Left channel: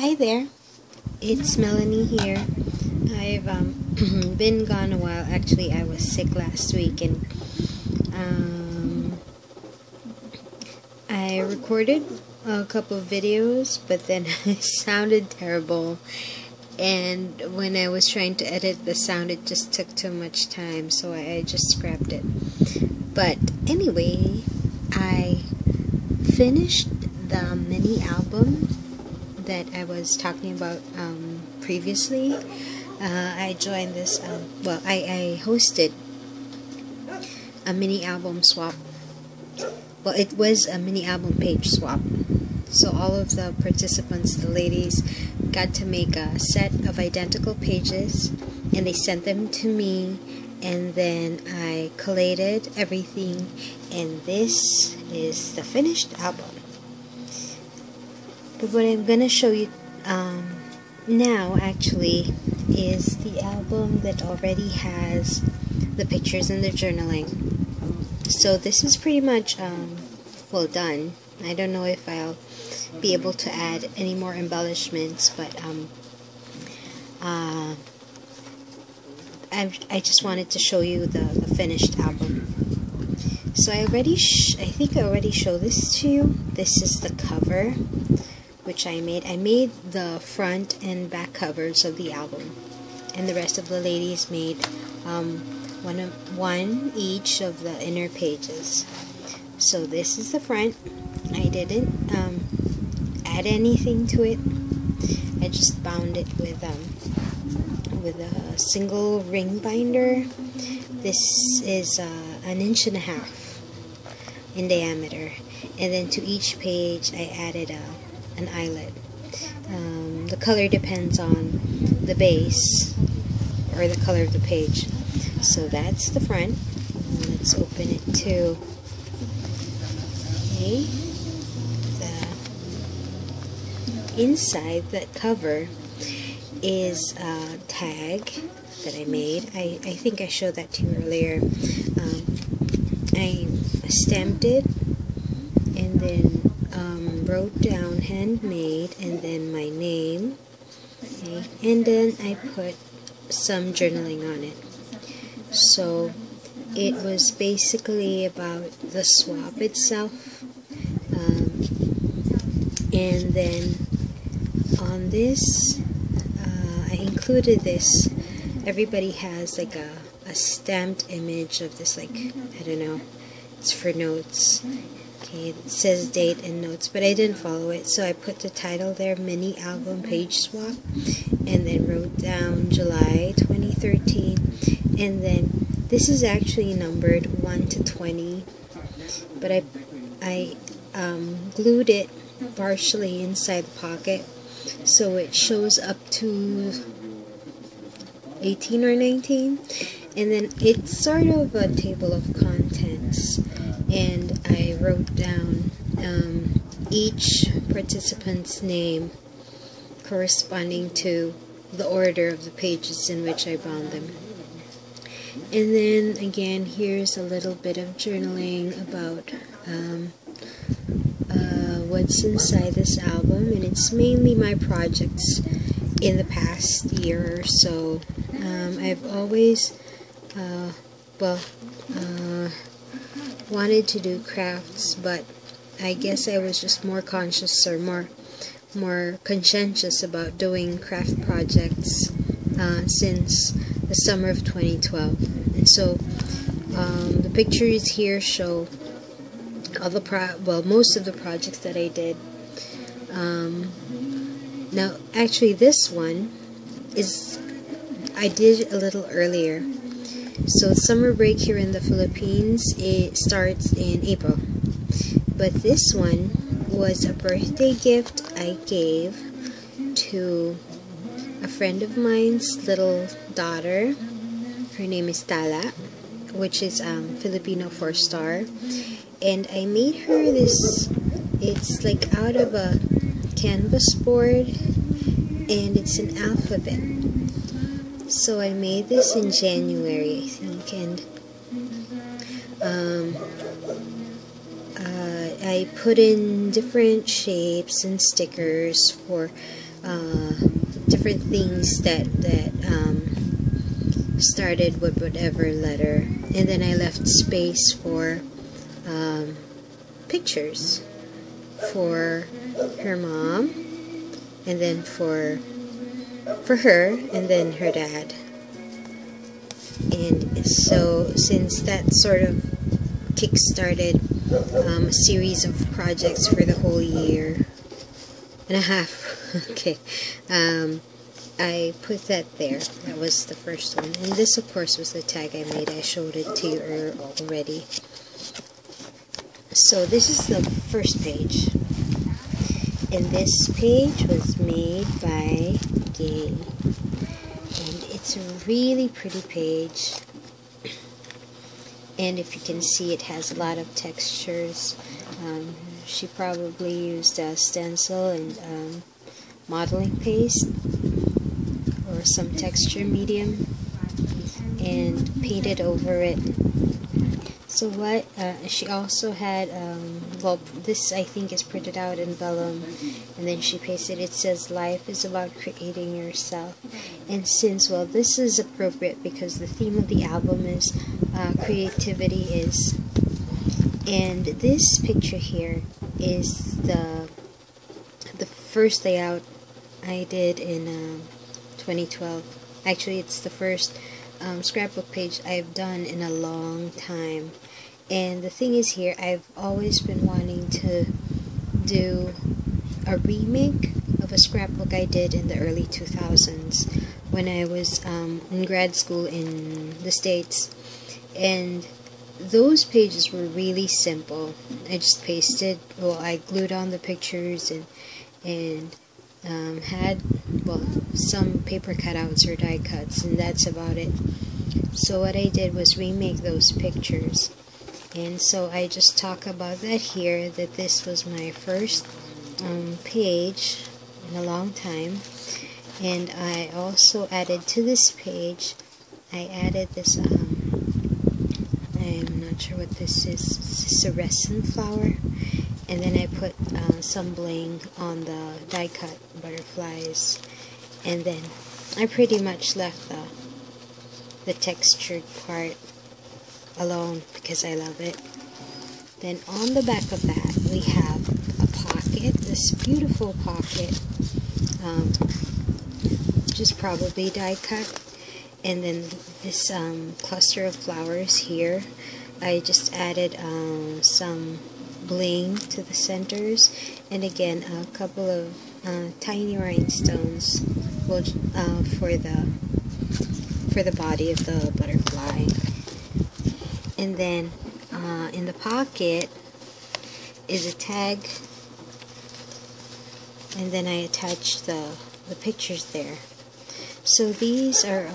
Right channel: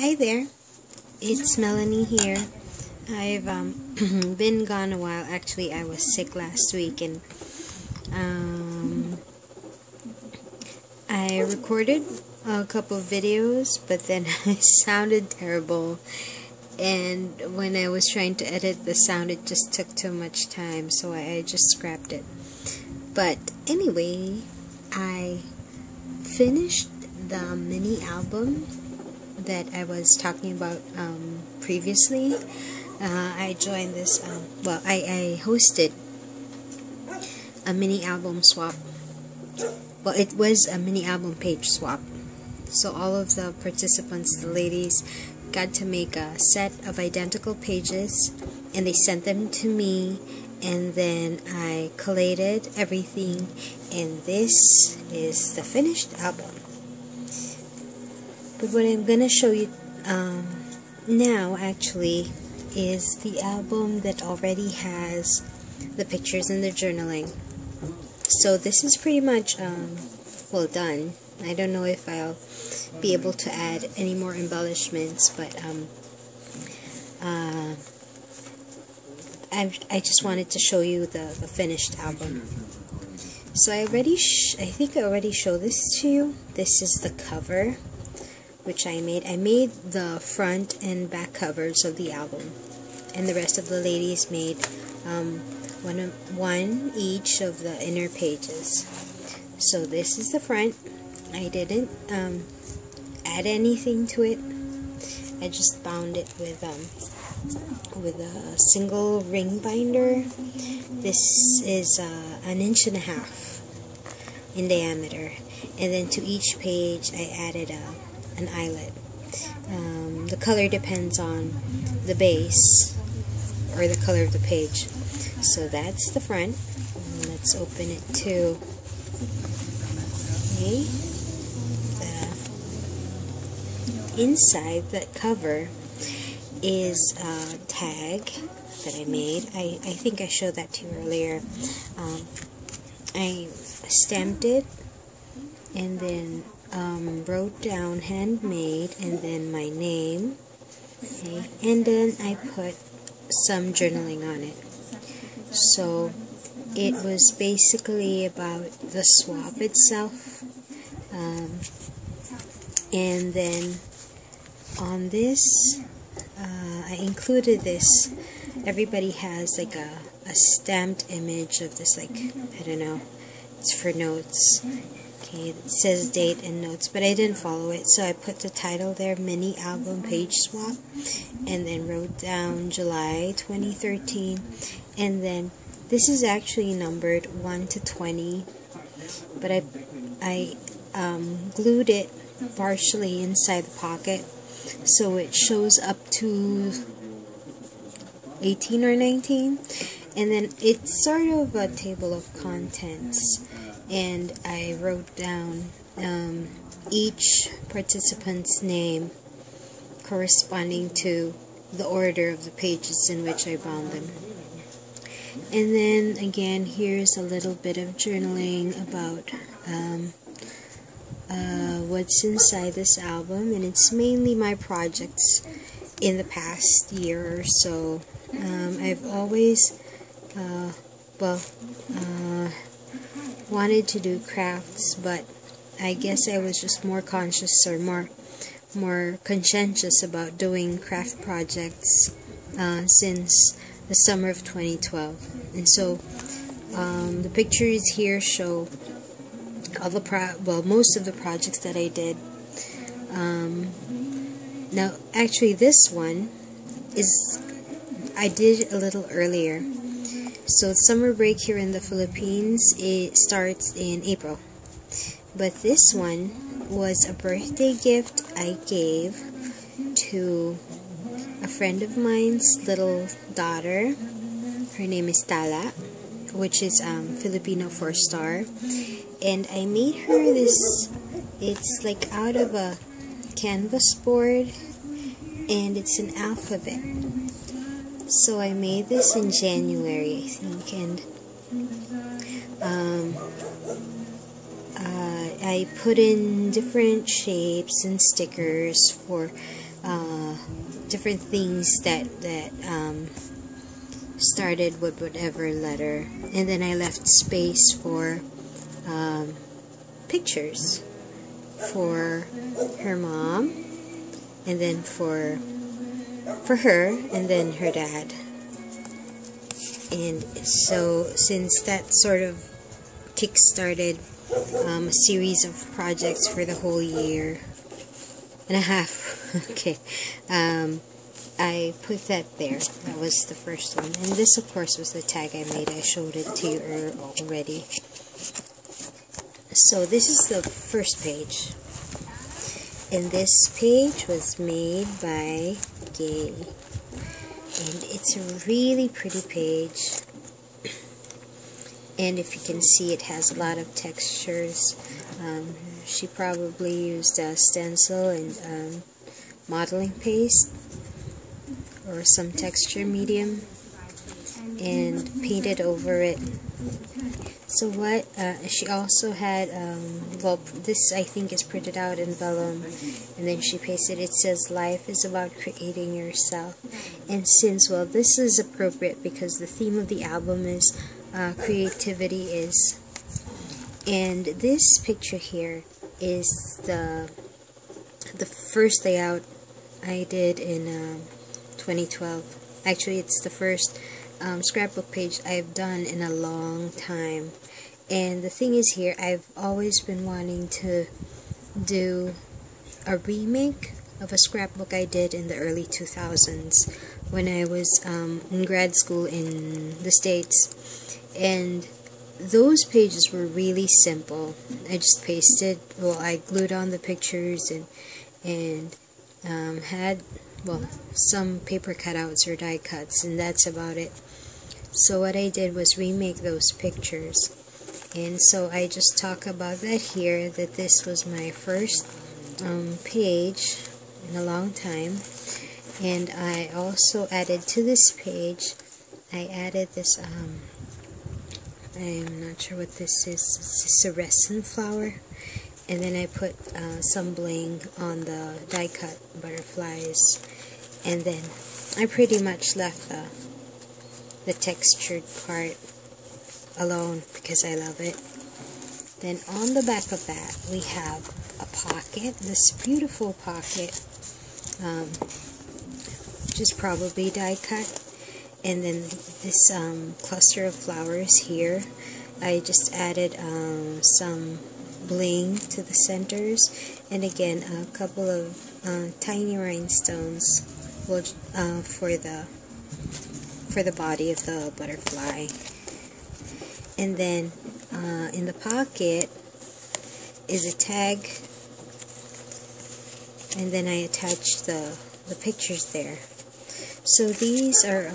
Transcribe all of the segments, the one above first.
Hi there, it's Melanie here. I've been gone a while. Actually, I was sick last week, and I recorded a couple of videos, but then it sounded terrible, and when I was trying to edit the sound, it just took too much time, so I just scrapped it. But anyway, I finished the mini album that I was talking about previously. I joined this, I hosted a mini album swap. Well, it was a mini album page swap. So all of the participants, the ladies, got to make a set of identical pages, and they sent them to me, and then I collated everything, and this is the finished album. But what I'm going to show you now actually is the album that already has the pictures and the journaling. So this is pretty much well done. I don't know if I'll be able to add any more embellishments, but I just wanted to show you the finished album. So I think I already showed this to you. This is the cover, which I made. I made the front and back covers of the album, and the rest of the ladies made one each of the inner pages. So this is the front. I didn't add anything to it. I just bound it with a single ring binder. This is 1.5 inches in diameter, and then to each page I added an eyelet. The color depends on the base or the color of the page. So that's the front. Let's open it too. Okay. The inside, that cover, is a tag that I made. I think I showed that to you earlier. I stamped it and then wrote down handmade and then my name. Okay. And then I put some journaling on it. So it was basically about the swap itself, and then on this I included this. Everybody has like a stamped image of this, like, I don't know, it's for notes. Okay, it says date and notes, but I didn't follow it, so I put the title there, mini album page swap, and then wrote down July 2013, and then this is actually numbered 1 to 20, but I glued it partially inside the pocket, so it shows up to 18 or 19, and then it's sort of a table of contents, and I wrote down each participant's name corresponding to the order of the pages in which I bound them. And then again, here's a little bit of journaling about what's inside this album, and it's mainly my projects in the past year or so. I've always wanted to do crafts, but I guess I was just more conscious or more conscientious about doing craft projects since the summer of 2012. And so the pictures here show all the most of the projects that I did. Now actually this one I did a little earlier. So summer break here in the Philippines, it starts in April. But this one was a birthday gift I gave to a friend of mine's little daughter. Her name is Tala, which is Filipino for star. And I made her this, it's like out of a canvas board, and it's an alphabet. So I made this in January, I think, and I put in different shapes and stickers for different things that started with whatever letter, and then I left space for pictures for her mom, and then for her, and then her dad. And so since that sort of kick-started a series of projects for the whole year and a half, okay, I put that there. That was the first one. And this, of course, was the tag I made. I showed it to you already. So this is the first page. And this page was made by Gay. And it's a really pretty page. And if you can see, it has a lot of textures. She probably used a stencil and modeling paste or some texture medium and painted over it. So what she also had, well, this I think is printed out in vellum, and then she pasted, it says life is about creating yourself. And since, well, this is appropriate because the theme of the album is creativity is, and this picture here is the first layout I did in 2012. Actually, it's the first scrapbook page I've done in a long time. And the thing is here, I've always been wanting to do a remake of a scrapbook I did in the early 2000s when I was in grad school in the States. And those pages were really simple. I just pasted, well, I glued on the pictures and had, well, some paper cutouts or die cuts, and that's about it. So what I did was remake those pictures. And so I just talk about that here, that this was my first page in a long time. And I also added to this page, I added this, I'm not sure what this is, it's a resin flower. And then I put some bling on the die cut butterflies. And then I pretty much left the textured part alone because I love it. Then on the back of that we have a pocket, this beautiful pocket, which is probably die cut. And then this cluster of flowers here, I just added some bling to the centers, and again a couple of tiny rhinestones for the body of the butterfly. And then in the pocket is a tag, and then I attached the pictures there. So these are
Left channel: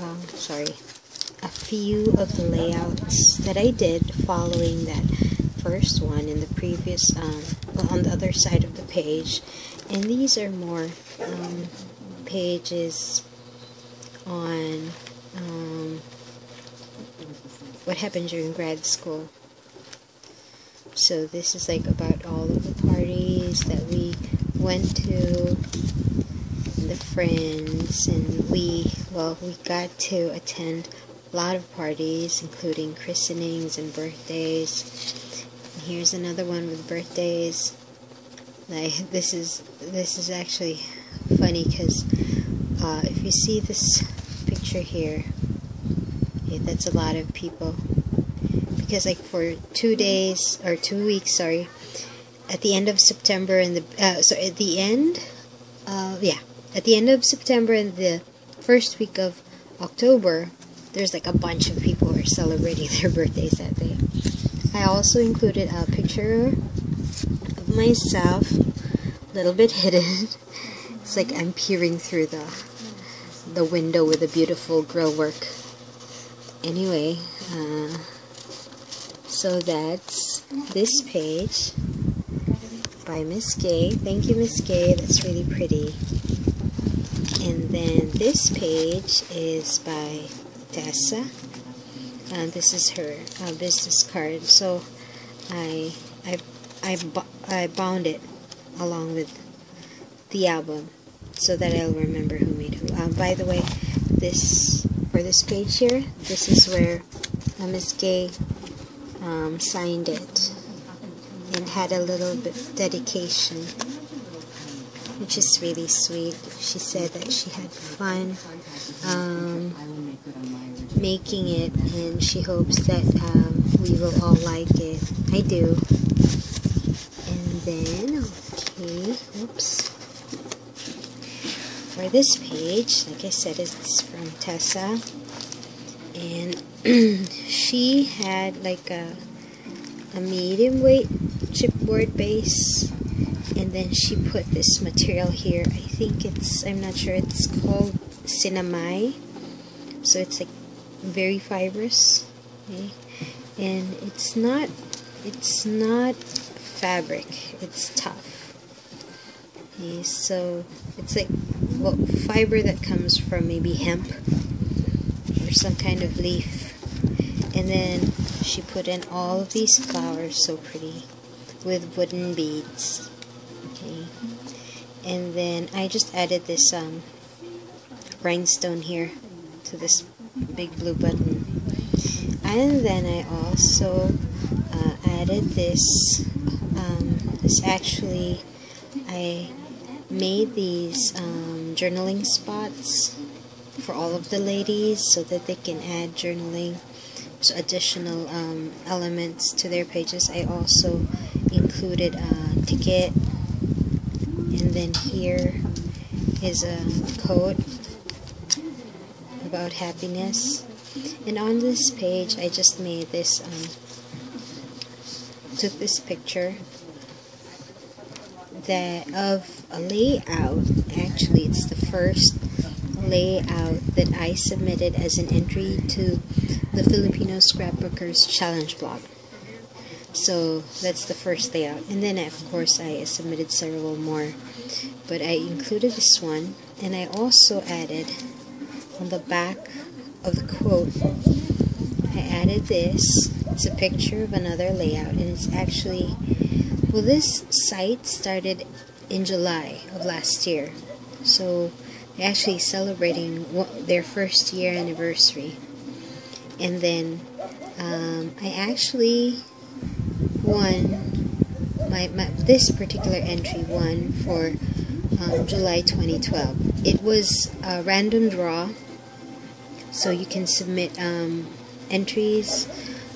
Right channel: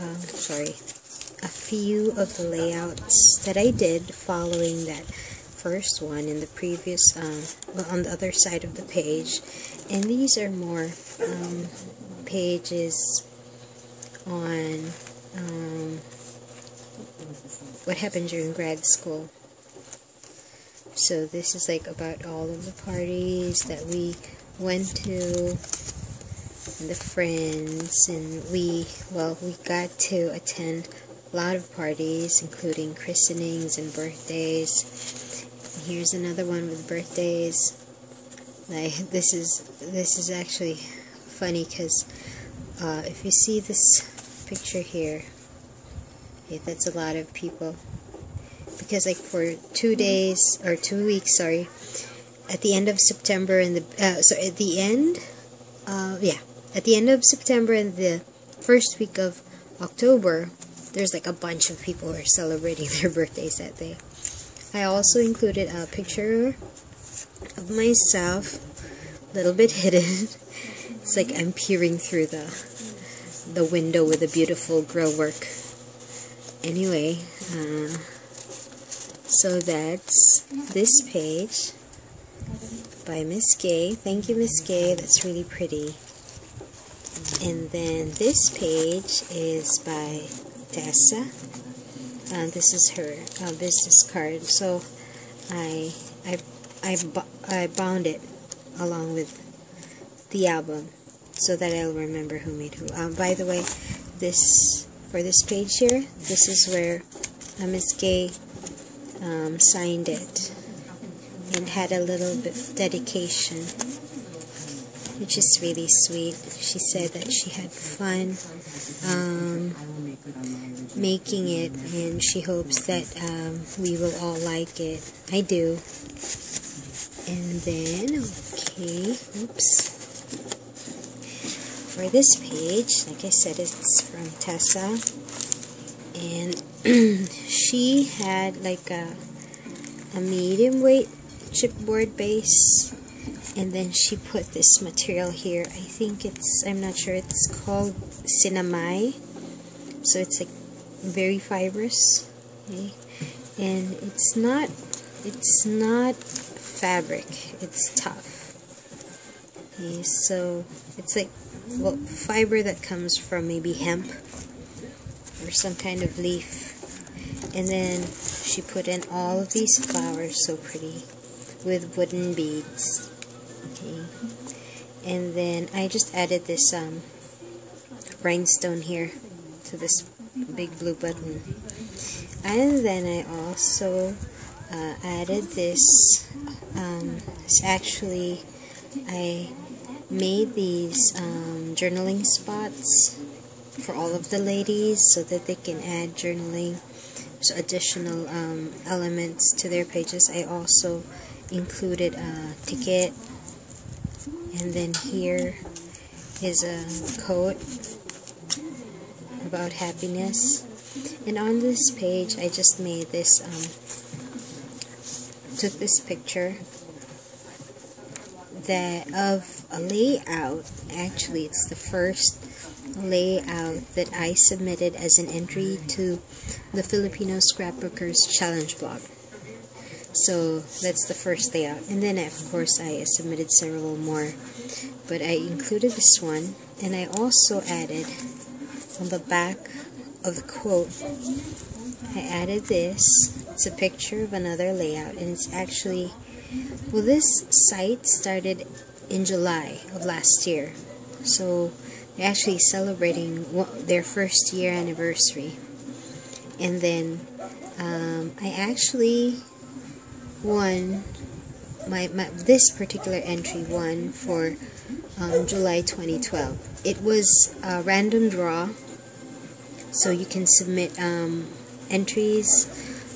a few of the layouts that I did following that first one in the previous, well, on the other side of the page. And these are more pages on what happened during grad school. So this is like about all of the parties that we went to, and the friends, and we got to attend a lot of parties, including christenings and birthdays. And here's another one with birthdays. Like this is actually funny because if you see this picture here, okay, that's a lot of people, because like for 2 days or 2 weeks, sorry, at the end of September and at the end of September and the first week of October, there's like a bunch of people who are celebrating their birthdays that day. I also included a picture of myself, a little bit hidden. It's like I'm peering through the window with a beautiful grow work. Anyway, so that's this page by Miss Gay. Thank you, Miss Gay. That's really pretty. And then this page is by Tessa. This is her business card. So I bound it along with the album. so that I'll remember who made who. By the way, for this page here, this is where Miss Gay signed it and had a little bit dedication, which is really sweet. She said that she had fun making it, and she hopes that we will all like it. I do. And then, okay, oops. For this page, like I said, it's from Tessa, and she had like a medium weight chipboard base, and then she put this material here. I think I'm not sure, it's called Cinnamai, so it's like very fibrous, okay? And it's not fabric, it's tough, okay? So it's like, well, fiber that comes from maybe hemp or some kind of leaf. And then she put in all of these flowers, so pretty, with wooden beads, okay? And then I just added this rhinestone here to this big blue button. And then I also added this, actually, I made these journaling spots for all of the ladies so that they can add journaling, so additional elements to their pages. I also included a ticket, and then here is a quote about happiness. And on this page I just made this, took this picture of a layout. Actually, it's the first layout that I submitted as an entry to the Filipino Scrapbookers Challenge blog. So that's the first layout, and then of course I submitted several more, but I included this one. And I also added on the back of the quote, I added this. It's a picture of another layout, and it's actually, well, this site started in July of last year, so they're actually celebrating their first year anniversary. And then I actually won this particular entry won for July 2012. It was a random draw, so you can submit entries,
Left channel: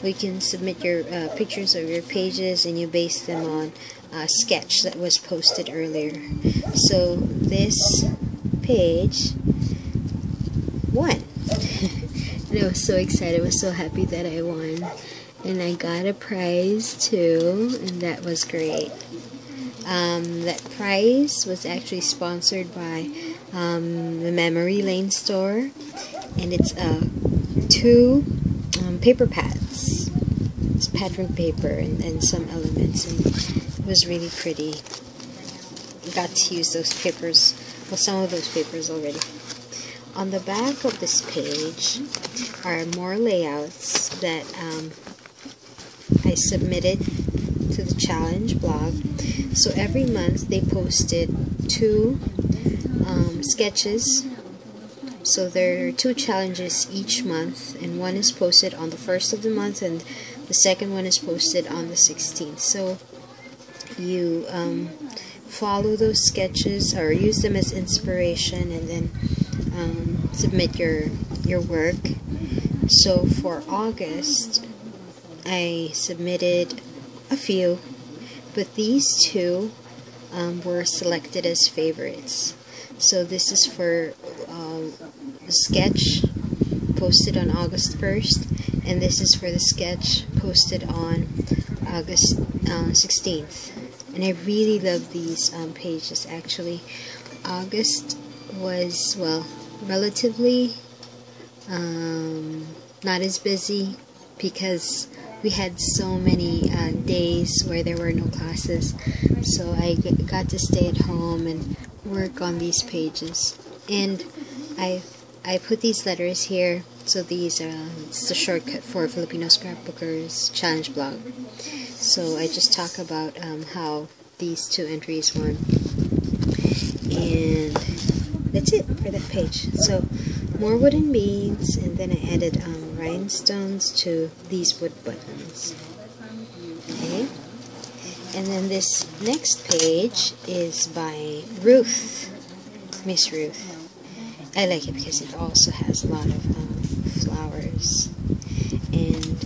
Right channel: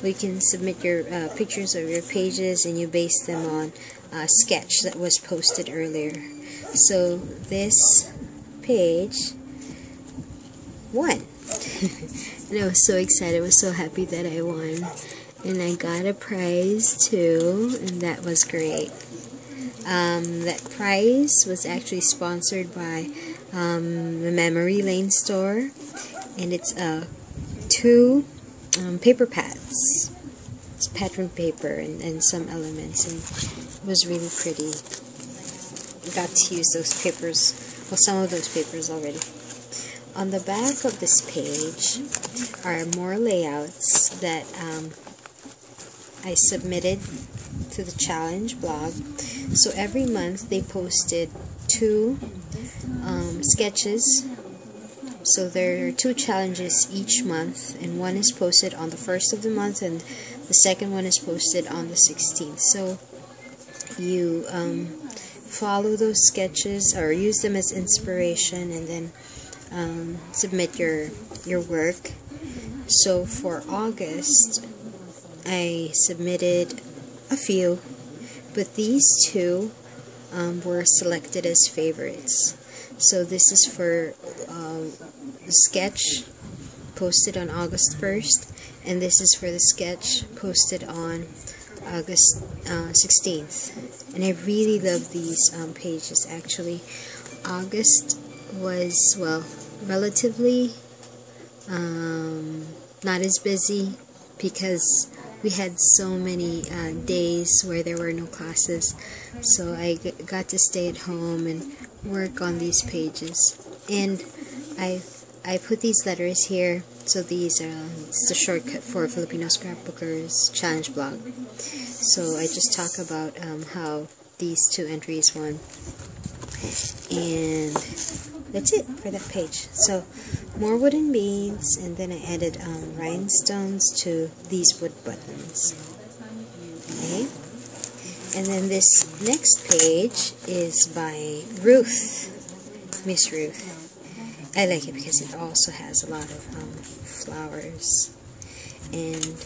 or you can submit your pictures of your pages, and you base them on a sketch that was posted earlier. So this page won. And I was so excited, I was so happy that I won. And I got a prize too, and that was great. That prize was actually sponsored by the Memory Lane store, and it's 2 paper pads. It's patterned paper and some elements, and it was really pretty. I got to use those papers, well, some of those papers already. On the back of this page are more layouts that I submitted to the challenge blog. So every month they posted 2 sketches. So there are 2 challenges each month, and one is posted on the 1st of the month, and the second one is posted on the 16th. So you follow those sketches or use them as inspiration, and then submit your work. So for August I submitted a few, but these 2 were selected as favorites. So this is for the sketch posted on August 1st, and this is for the sketch posted on August 16th. And I really love these pages. Actually, August was, well, relatively not as busy, because we had so many days where there were no classes, so I got to stay at home and work on these pages. And I put these letters here, so these it's the shortcut for Filipino Scrapbookers Challenge blog. So I just talk about how these 2 entries won. And that's it for that page. So more wooden beads, and then I added rhinestones to these wood buttons. Okay, and then this next page is by Ruth, Miss Ruth. I like it because it also has a lot of flowers, and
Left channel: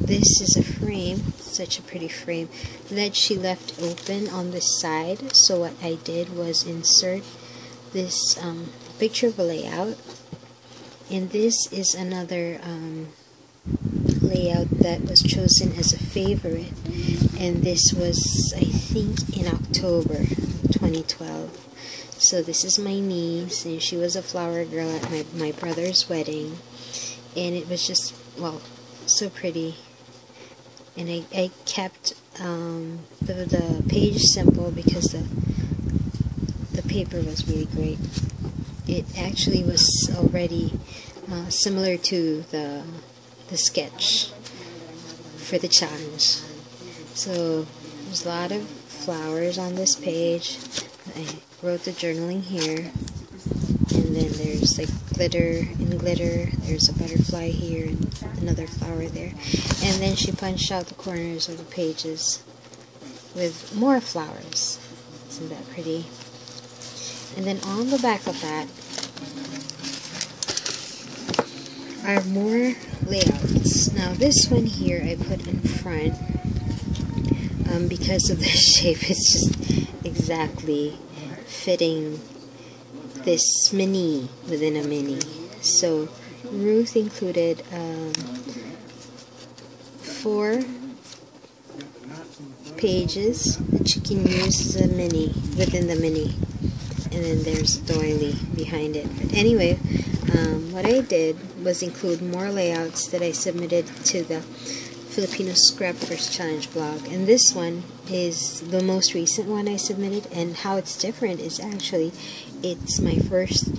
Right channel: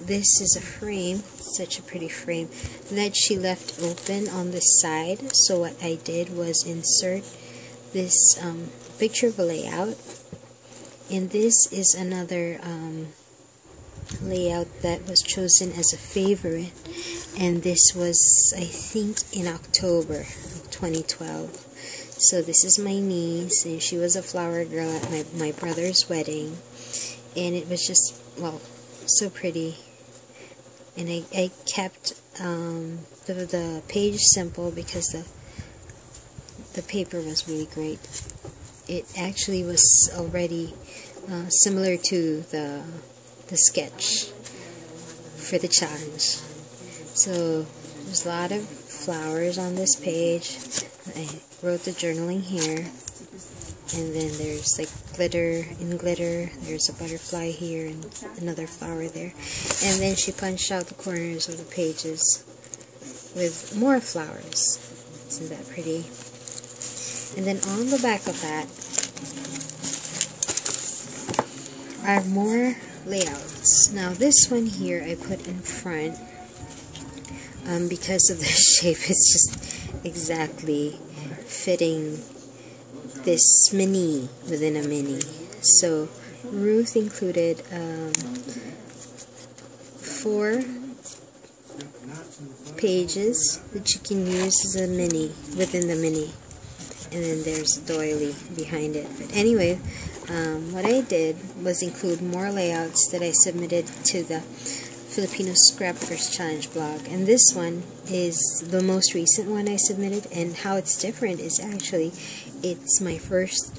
this is a frame, such a pretty frame that she left open on this side. So what I did was insert this picture of a layout, and this is another layout that was chosen as a favorite, and this was, I think, in October 2012. So this is my niece, and she was a flower girl at my brother's wedding, and it was just, well, so pretty. And I kept the page simple because the paper was really great. It actually was already similar to the sketch for the challenge. So there's a lot of flowers on this page. I wrote the journaling here, and then there's like glitter and glitter. There's a butterfly here and another flower there, and then she punched out the corners of the pages with more flowers. Isn't that pretty? And then on the back of that are more layouts. Now this one here I put in front because of the shape. It's just exactly fitting this mini within a mini. So Ruth included 4 pages that you can use as a mini within the mini, and then there's a doily behind it. But anyway, what I did was include more layouts that I submitted to the Filipino Scrappers Challenge blog, and this one is the most recent one I submitted. And how it's different is actually it's my first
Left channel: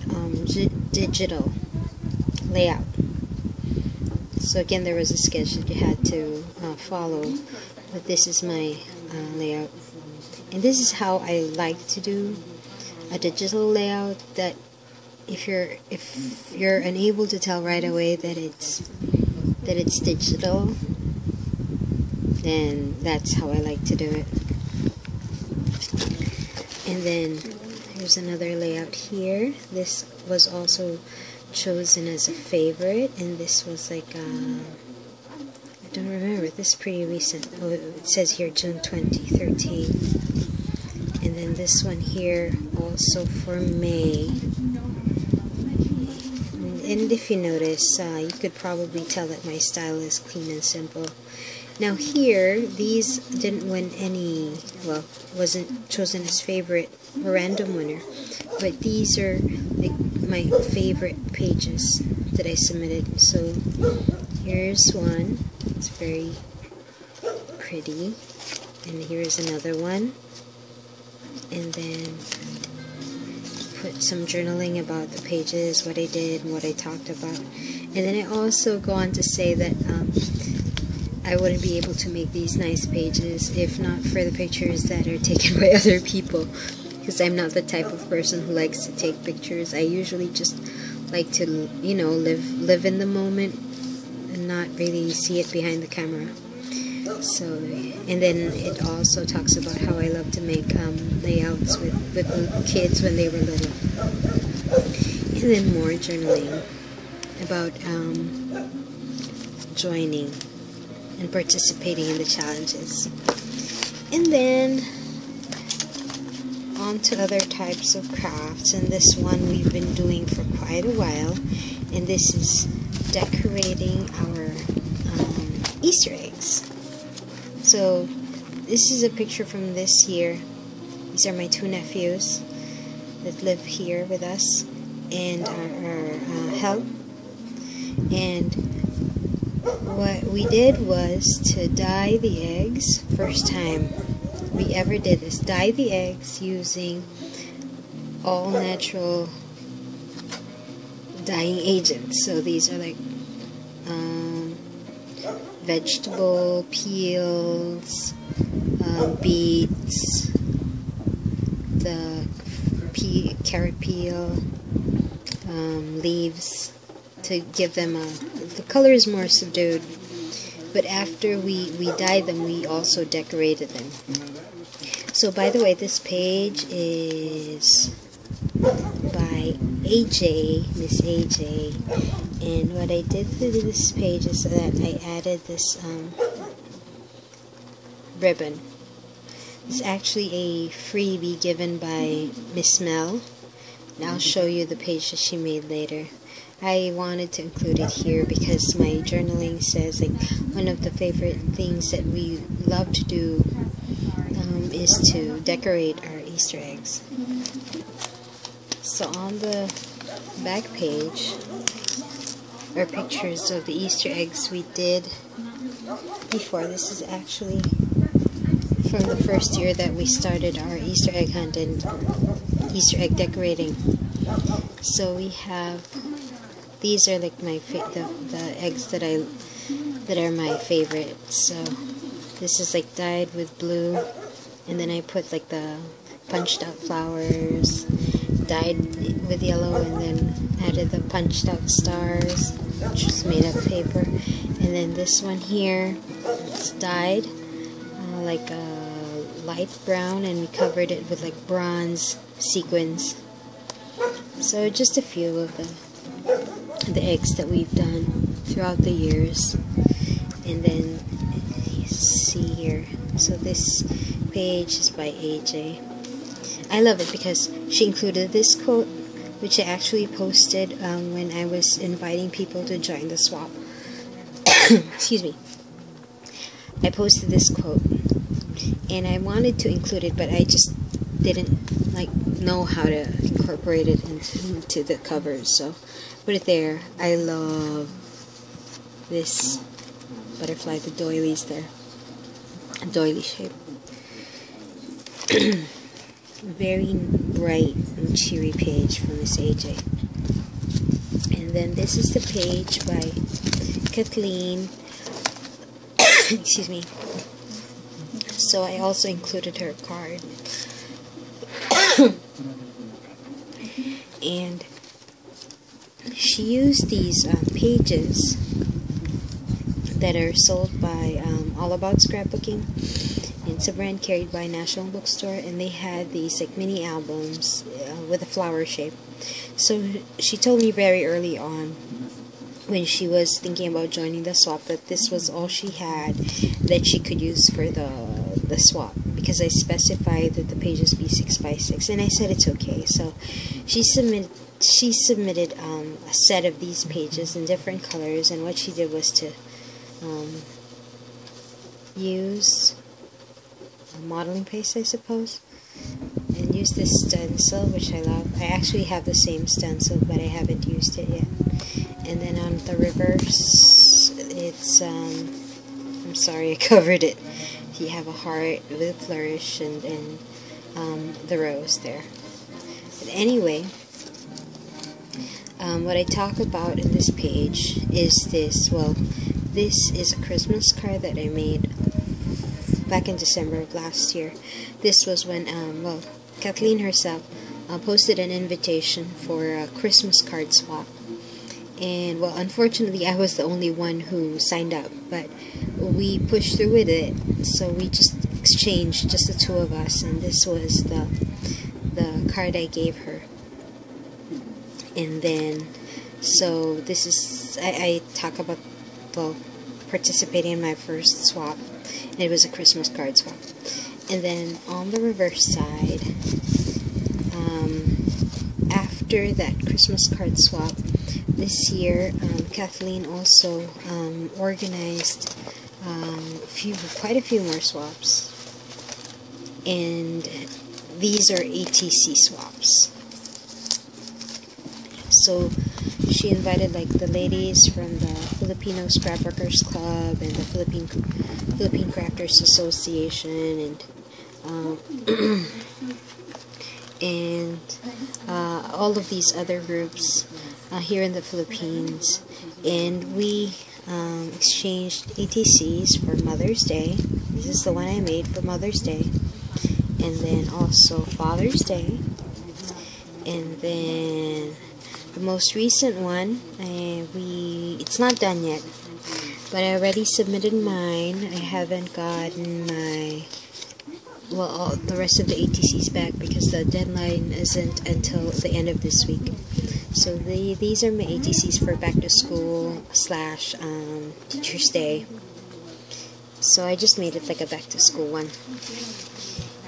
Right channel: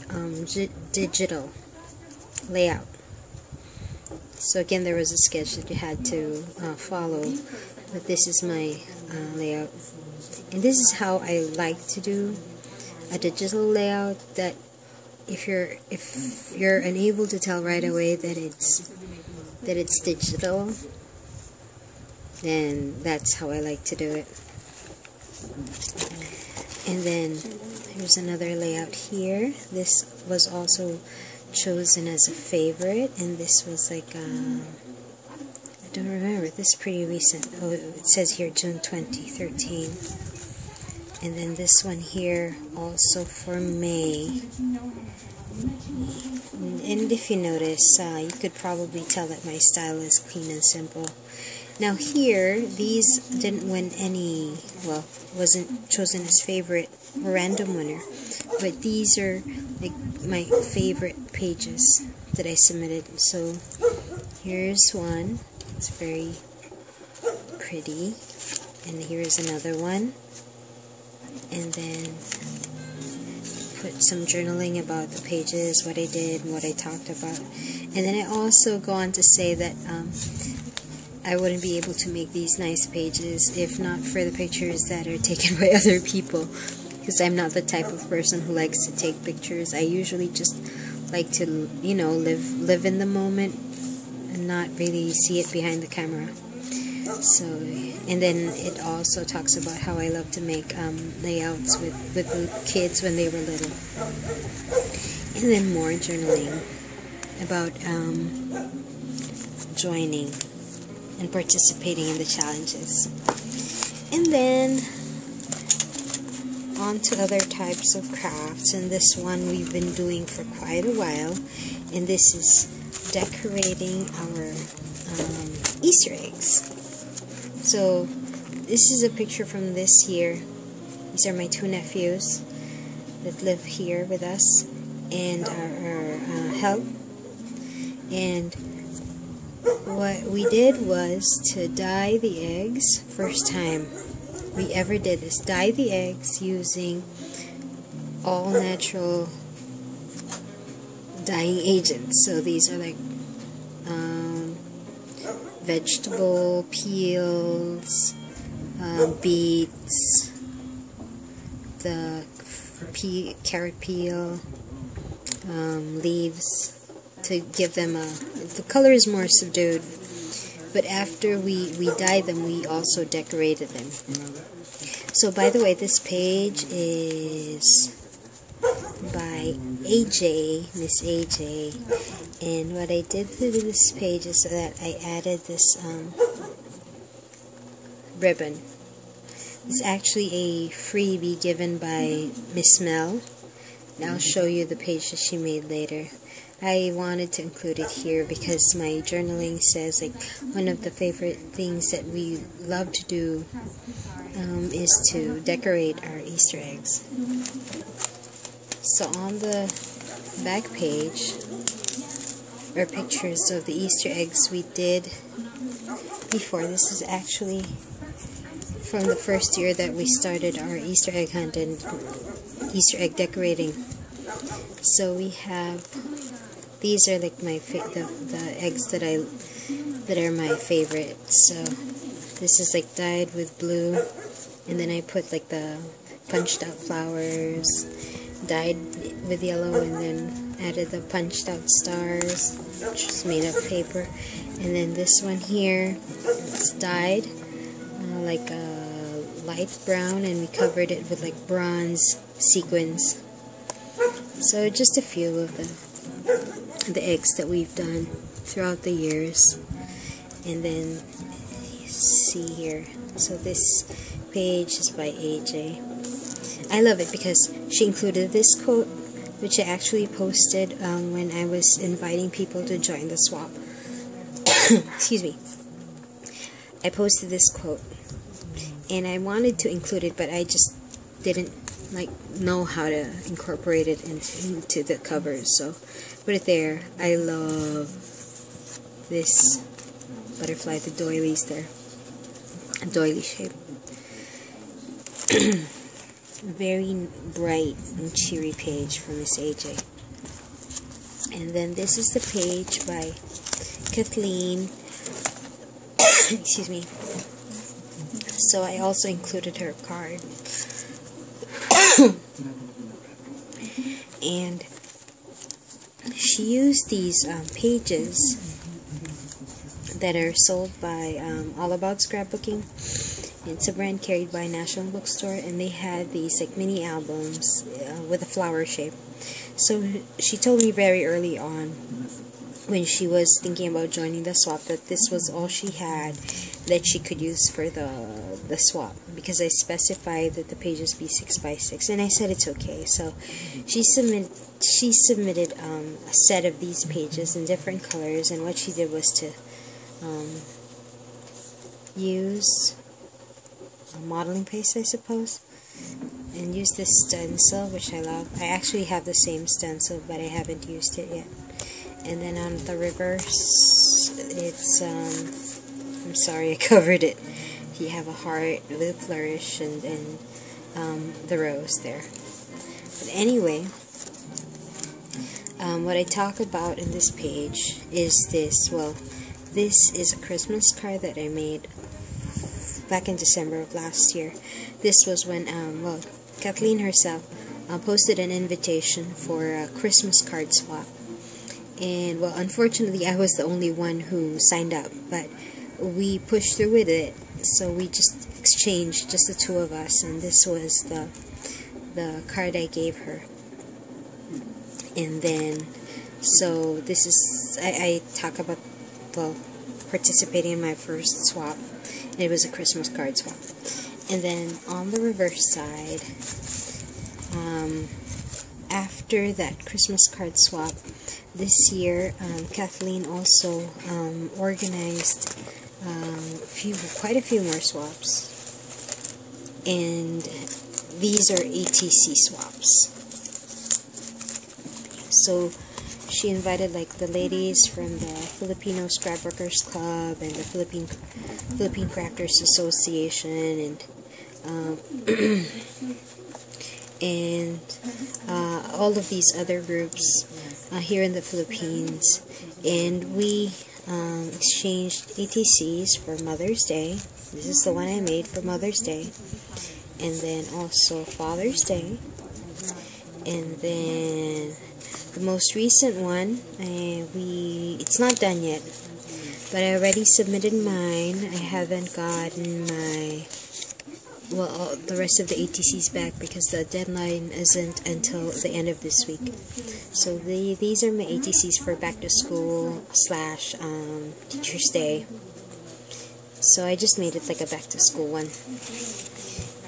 digital layout. So again, there was a sketch that you had to follow, but this is my layout, and this is how I like to do a digital layout. That if you're unable to tell right away that it's digital, then that's how I like to do it. And then here's another layout here. This was also chosen as a favorite, and this was like I don't remember, this is pretty recent. Oh, it says here June 2013. And then this one here also for May. And if you notice, you could probably tell that my style is clean and simple. Now here, these didn't win any, well, wasn't chosen as favorite or random winner, but these are like my favorite pages that I submitted. So here's one, it's very pretty, and here's another one, and then put some journaling about the pages, what I did, and what I talked about. And then I also go on to say that I wouldn't be able to make these nice pages if not for the pictures that are taken by other people, because I'm not the type of person who likes to take pictures. I usually just like to, you know, live in the moment and not really see it behind the camera. So, and then it also talks about how I love to make layouts with the kids when they were little. And then more journaling about joining and participating in the challenges. And then on to other types of crafts, and this one we've been doing for quite a while, and this is decorating our Easter eggs. So this is a picture from this year. These are my 2 nephews that live here with us and our help. And what we did was to dye the eggs. First time we ever did this. Dye the eggs using all natural dyeing agents. So these are like vegetable peels, beets, the carrot peel, leaves, to give them the color is more subdued. But after we dyed them, we also decorated them. So by the way, this page is by AJ, Miss AJ, and what I did to this page is that I added this ribbon. It's actually a freebie given by Miss Mel, and I'll show you the page that she made later. I wanted to include it here because my journaling says like one of the favorite things that we love to do is to decorate our Easter eggs. So on the back page are pictures of the Easter eggs we did before. This is actually from the first year that we started our Easter egg hunt and Easter egg decorating. So we have, these are like my the eggs that are my favorite. So this is like dyed with blue, and then I put like the punched out flowers, dyed with yellow, and then added the punched out stars, which was made of paper. And then this one here, it's dyed like a light brown, and we covered it with like bronze sequins. So just a few of the eggs that we've done throughout the years. And then you see here, so this page is by AJ. I love it because she included this quote, which I actually posted when I was inviting people to join the swap. Excuse me. I posted this quote, and I wanted to include it, but I just didn't know how to incorporate it into the covers, so put it there. I love this butterfly, the doilies there, a doily shape. Very bright and cheery page from Miss AJ. And then this is the page by Kathleen. Excuse me. So I also included her card. And she used these pages that are sold by All About Scrapbooking. It's a brand carried by National Bookstore, and they had these like mini albums with a flower shape. So she told me very early on, when she was thinking about joining the swap, that this was all she had that she could use for the swap, because I specified that the pages be 6 by 6, and I said it's okay. So she submitted a set of these pages in different colors, and what she did was to use a modeling paste, I suppose, and use this stencil, which I love. I actually have the same stencil, but I haven't used it yet. And then on the reverse, it's I'm sorry, I covered it. You have a heart with a flourish and the rose there. But anyway, what I talk about in this page is this. Well, this is a Christmas card that I made back in December of last year. This was when, well, Kathleen herself posted an invitation for a Christmas card swap. And, well, unfortunately, I was the only one who signed up, but we pushed through with it. So we just exchanged, just the two of us, and this was the card I gave her. And then, so this is, I talk about, well, participating in my first swap. And it was a Christmas card swap. And then on the reverse side, after that Christmas card swap, this year Kathleen also organized quite a few more swaps, and these are ATC swaps. So she invited like the ladies from the Filipino Scrapworkers Club and the Philippine Crafters Association, and all of these other groups here in the Philippines, and we exchanged ATCs for Mother's Day. This is the one I made for Mother's Day, and then also Father's Day, and then the most recent one, it's not done yet, but I already submitted mine. I haven't gotten my, well, the rest of the ATCs back because the deadline isn't until the end of this week. So these are my ATCs for back to school / Teacher's Day. So I just made it like a back to school one.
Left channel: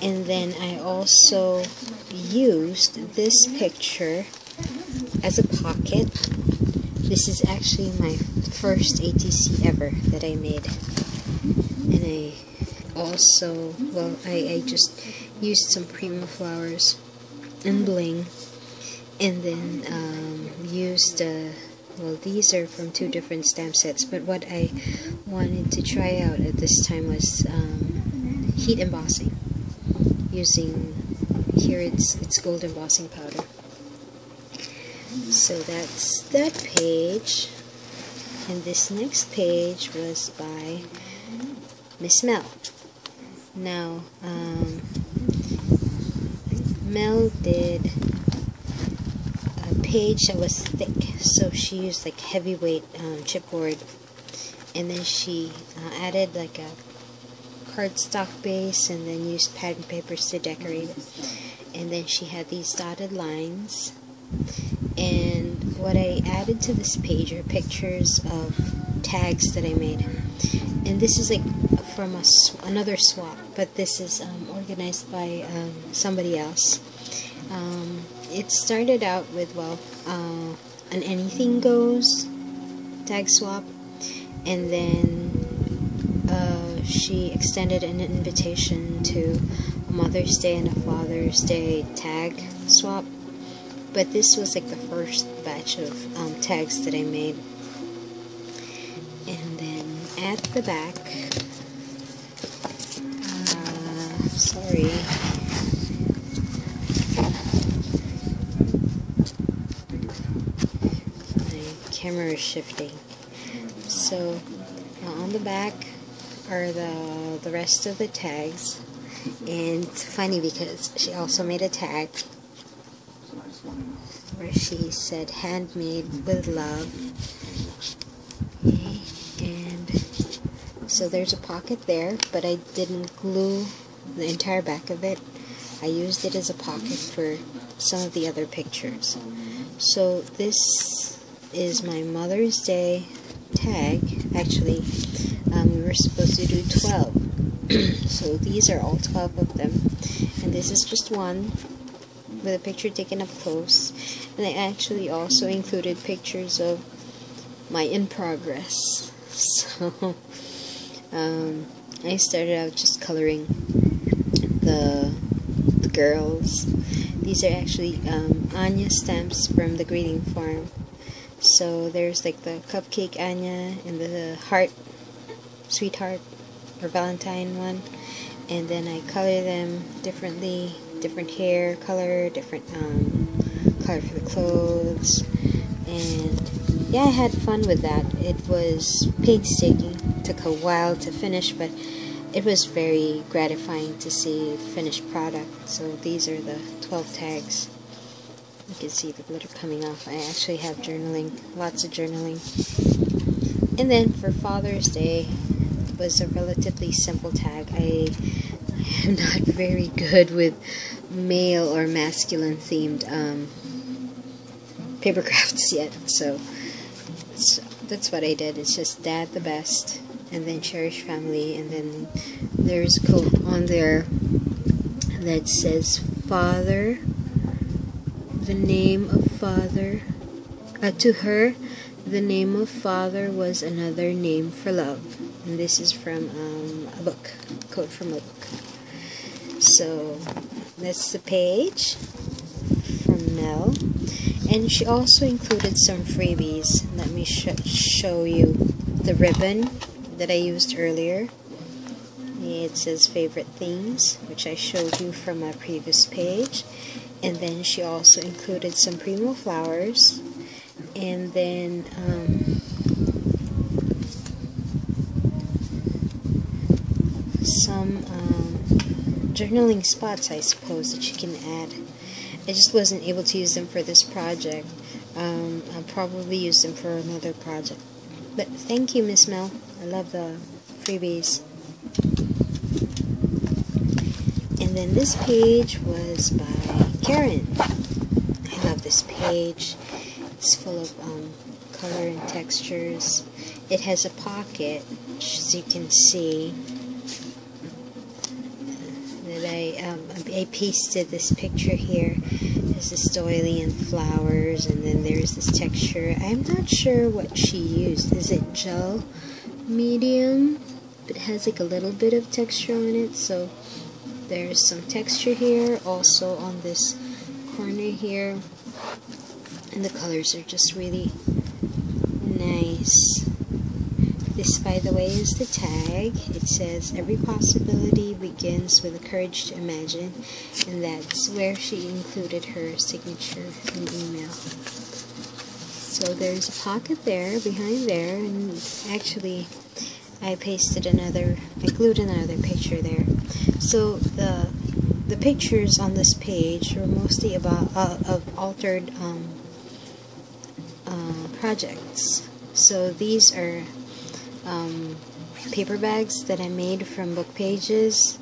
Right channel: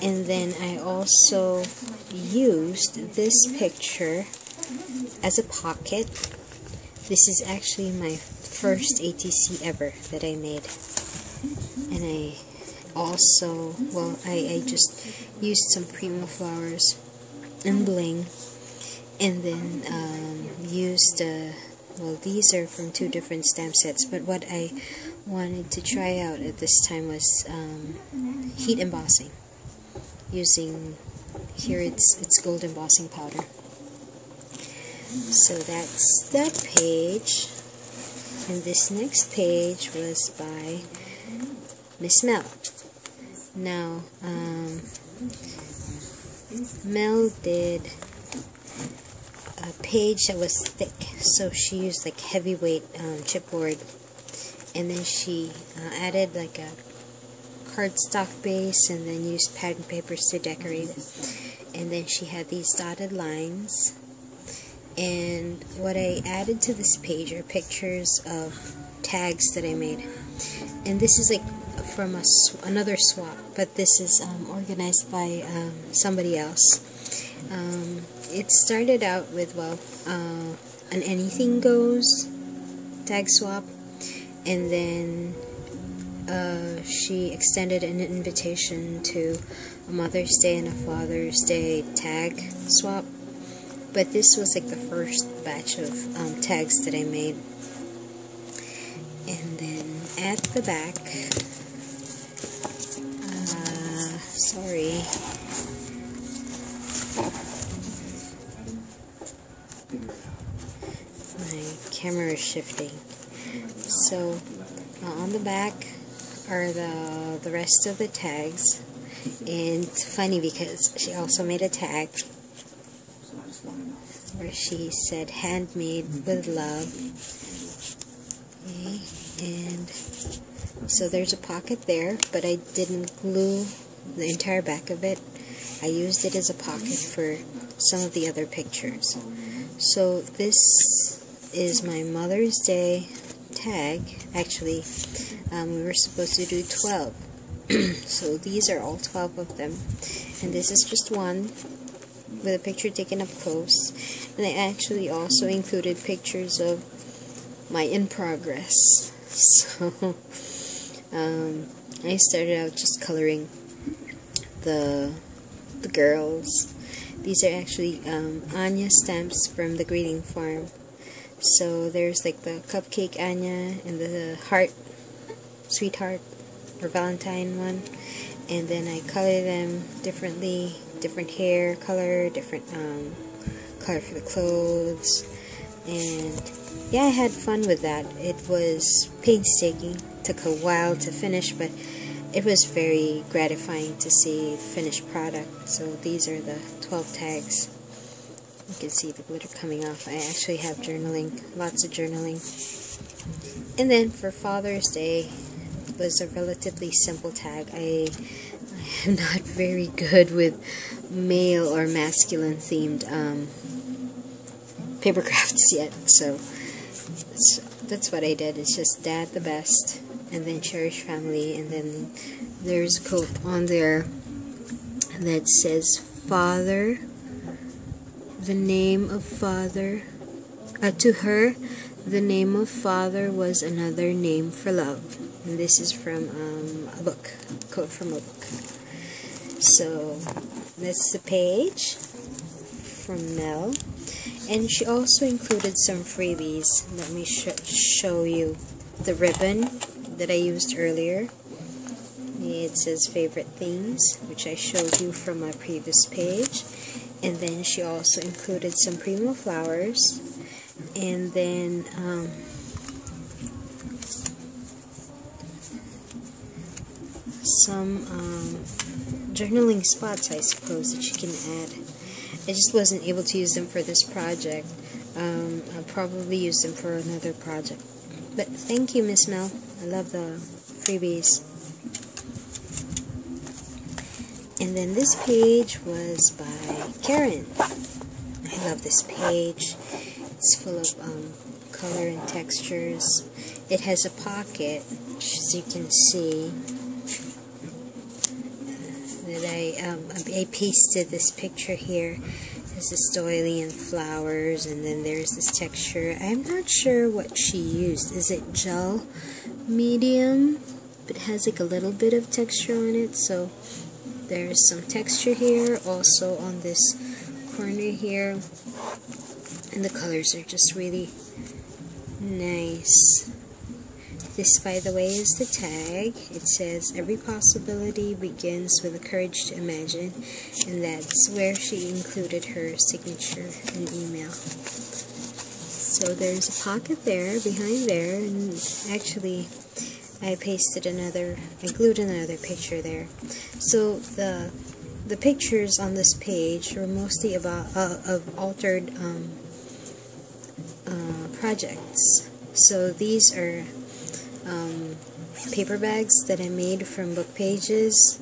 And then I also used this picture as a pocket. This is actually my first ATC ever that I made. And I also, well, I just used some Prima flowers and bling, and then used well, these are from 2 different stamp sets, but what I wanted to try out at this time was heat embossing, using, here it's gold embossing powder. So that's that page, and this next page was by Miss Mel. Now, Mel did a page that was thick, so she used like heavyweight chipboard, and then she added like a cardstock base, and then used pattern papers to decorate it. And then she had these dotted lines, and what I added to this page are pictures of tags that I made. And this is like from another swap, but this is organized by somebody else. It started out with, well, an anything goes tag swap, and then she extended an invitation to a Mother's Day and a Father's Day tag swap. But this was like the first batch of tags that I made. And then at the back, sorry, my camera is shifting. So on the back are the rest of the tags, and it's funny because she also made a tag where she said handmade with love. Okay, and so there's a pocket there, but I didn't glue the entire back of it. I used it as a pocket for some of the other pictures. So this is my Mother's Day tag. Actually, we were supposed to do 12. So these are all 12 of them. And this is just one with a picture taken up close. And I actually also included pictures of my in progress. So I started out just coloring the girls. These are actually Anya stamps from the greeting farm. So there's like the cupcake Anya and the heart, sweetheart or Valentine one, and then I color them differently, different hair color, different color for the clothes. And yeah, I had fun with that. It was painstaking, took a while to finish, but it was very gratifying to see the finished product. So these are the 12 tags. You can see the glitter coming off. I actually have journaling, lots of journaling. And then for Father's Day, it was a relatively simple tag. I am not very good with male or masculine themed paper crafts yet, so that's what I did. It's just Dad the best, and then Cherish Family, and then there's a quote on there that says, Father, the name of Father, to her, the name of Father was another name for love. And this is from a book, a quote from a book. So that's the page from Mel. And she also included some freebies. Let me show you the ribbon that I used earlier. It says favorite things, which I showed you from my previous page. And then she also included some Prima flowers, and then some journaling spots, I suppose, that you can add. I just wasn't able to use them for this project. I'll probably use them for another project. But thank you, Miss Mel. I love the freebies. And then this page was by Karen. I love this page. It's full of color and textures. It has a pocket, as you can see. That I pasted this picture here. There's this doily and flowers, and then there's this texture. I'm not sure what she used. Is it gel medium? It has like a little bit of texture on it, so there's some texture here, also on this corner here, and the colors are just really nice. This, by the way, is the tag. It says, "Every possibility begins with the courage to imagine," and that's where she included her signature and email. So there's a pocket there, behind there, and actually I glued another picture there. So the pictures on this page were mostly about of altered projects. So these are paper bags that I made from book pages,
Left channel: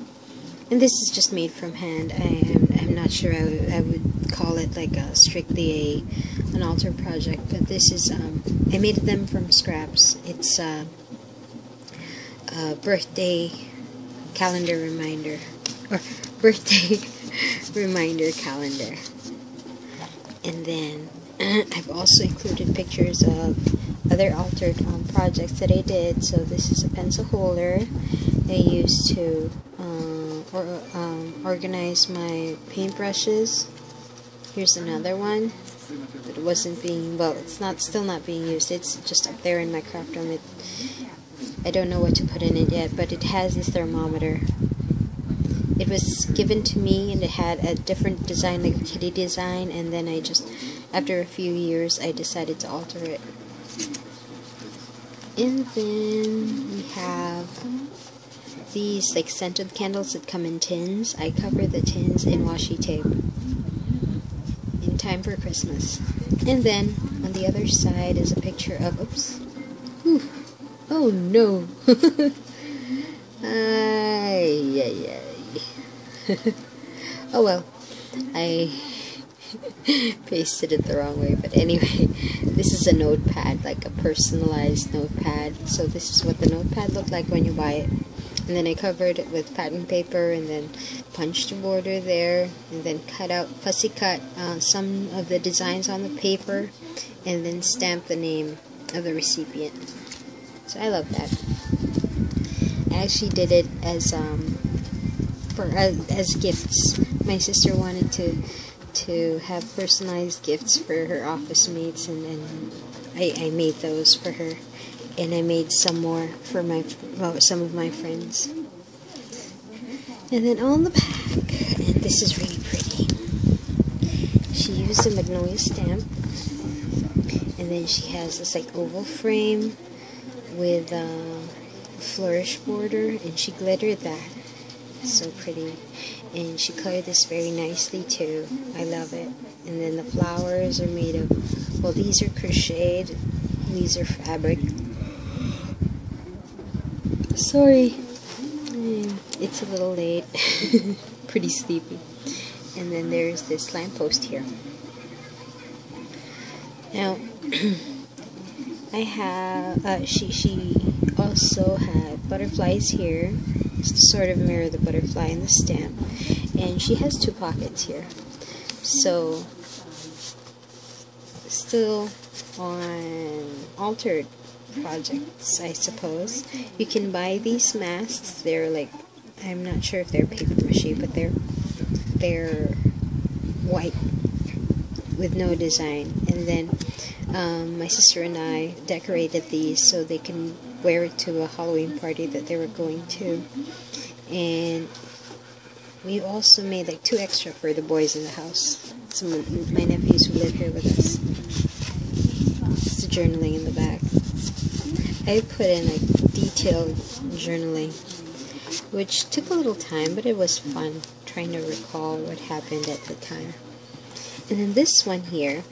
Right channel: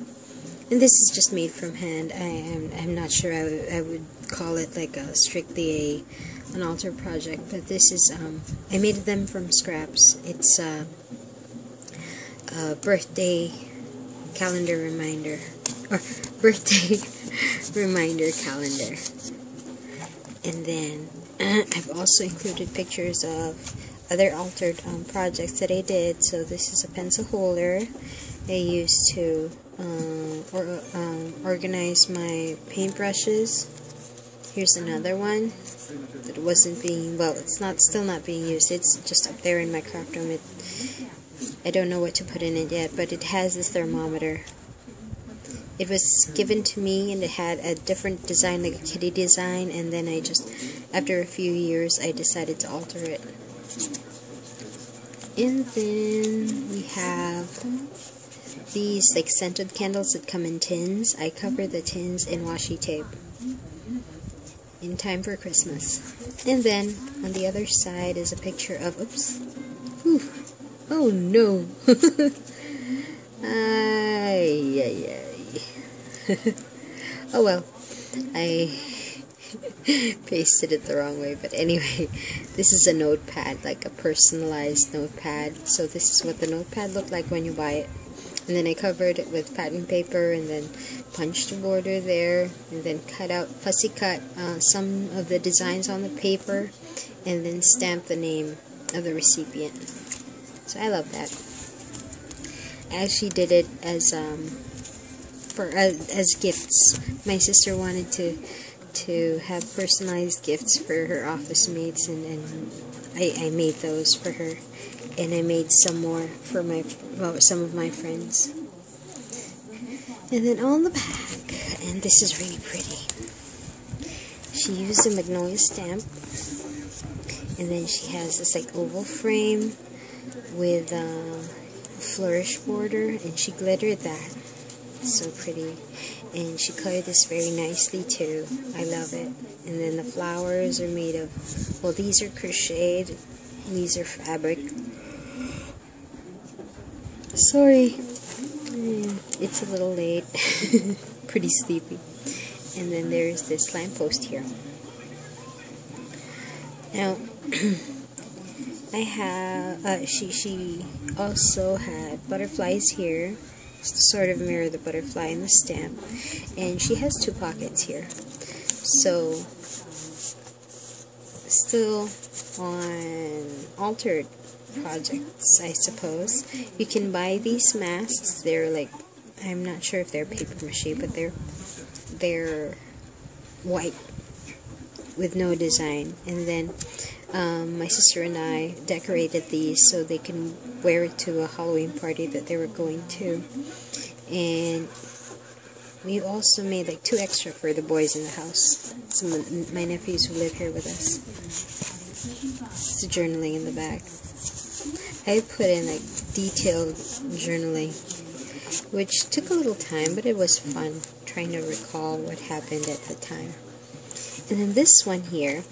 and this is just made from hand. I'm not sure I would call it like strictly an altered project, but this is I made them from scraps. It's a birthday calendar reminder, or birthday reminder calendar. And then I've also included pictures of other altered projects that I did. So this is a pencil holder I used to organize my paintbrushes. Here's another one that wasn't being, well, it's still not being used. It's just up there in my craft room. I don't know what to put in it yet, but it has this thermometer. It was given to me, and it had a different design, like a kitty design, and then after a few years, I decided to alter it. And then we have these like scented candles that come in tins. I cover the tins in washi tape in time for Christmas. And then on the other side is a picture of, oops, whew, oh no, ay. Oh well, I pasted it the wrong way, but anyway, this is a notepad, like a personalized notepad. So this is what the notepad looked like when you buy it. And then I covered it with pattern paper, and then punched a border there, and then fussy cut some of the designs on the paper, and then stamped the name of the recipient. So I love that. I actually did it as gifts. My sister wanted to have personalized gifts for her office mates, and I made those for her, and I made some more for some of my friends. And then on the back, and this is really pretty, she used a magnolia stamp, and then she has this like oval frame with a flourish border, and she glittered that. So pretty. And she colored this very nicely too. I love it. And then the flowers are made of, well, these are crocheted, these are fabric. Sorry, it's a little late. Pretty sleepy. And then there's this lamppost here. Now I have she also had butterflies here, to sort of mirror the butterfly in the stamp, and she has two pockets here. So still on altered projects, I suppose. You can buy these masks. They're like, I'm not sure if they're paper mache, but they're white with no design. And then my sister and I decorated these so they can wear it to a Halloween party that they were going to. And we also made like 2 extra for the boys in the house. Some of my nephews who live here with us. It's the journaling in the back. I put in like detailed journaling. which took a little time, but it was fun trying to recall what happened at the time. And then this one here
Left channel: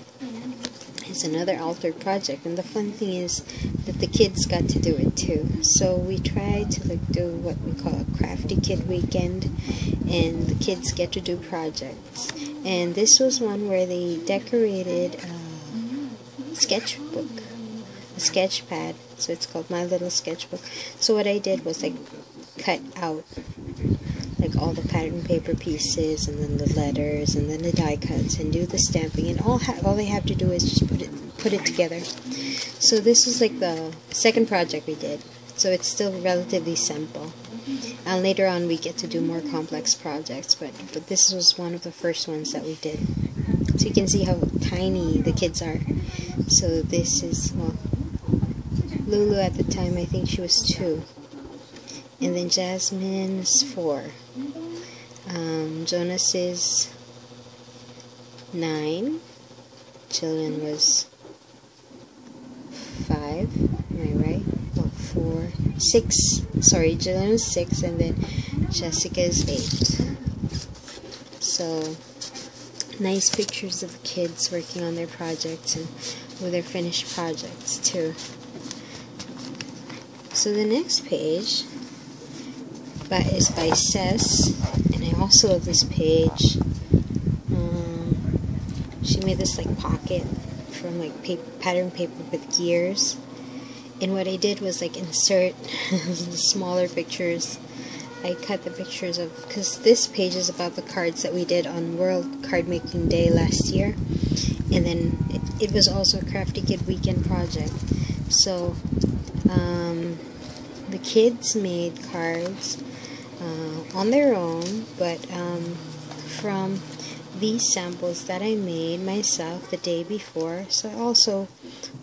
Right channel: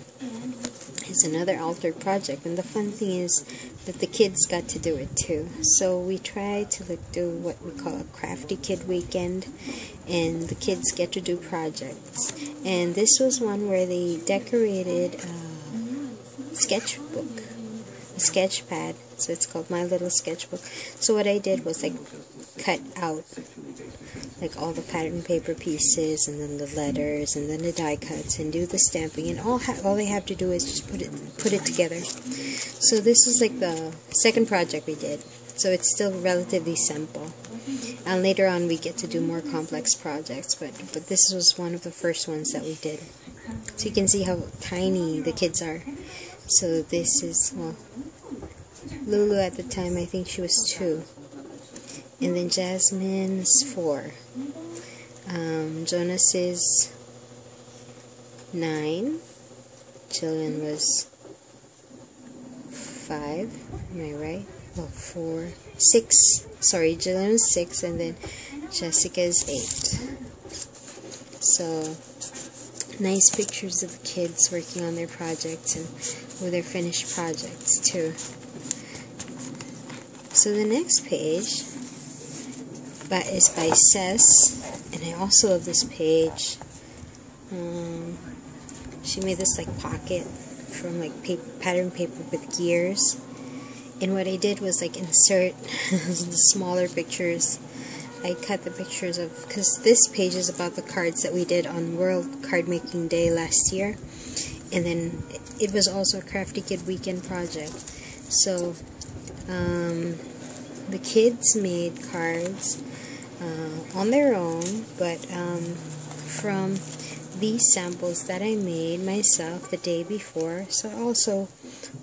is another altered project, and the fun thing is that the kids got to do it too. So we tried to do what we call a crafty kid weekend, and the kids get to do projects. And this was one where they decorated a sketchbook, a sketch pad, so it's called My Little Sketchbook. So what I did was I cut out like all the pattern paper pieces, and then the letters, and then the die cuts, and do the stamping, and all they have to do is just put it together. So this is like the second project we did, so it's still relatively simple, and later on we get to do more complex projects, but this was one of the first ones that we did. So you can see how tiny the kids are. So this is, well, Lulu at the time, I think she was 2. And then Jasmine's 4. Jonas is 9. Jillian was 5. Am I right? Oh, 4. 6. Sorry, Jillian was 6, and then Jessica is 8. So, nice pictures of the kids working on their projects and with their finished projects too. So the next page is by Cess, and I also love this page. She made this like pocket from like pattern paper with gears, and what I did was like insert the smaller pictures. I cut the pictures of, because this page is about the cards that we did on World Card Making Day last year, and then it was also a Crafty Kid Weekend project. So the kids made cards on their own, but from these samples that I made myself the day before. So I also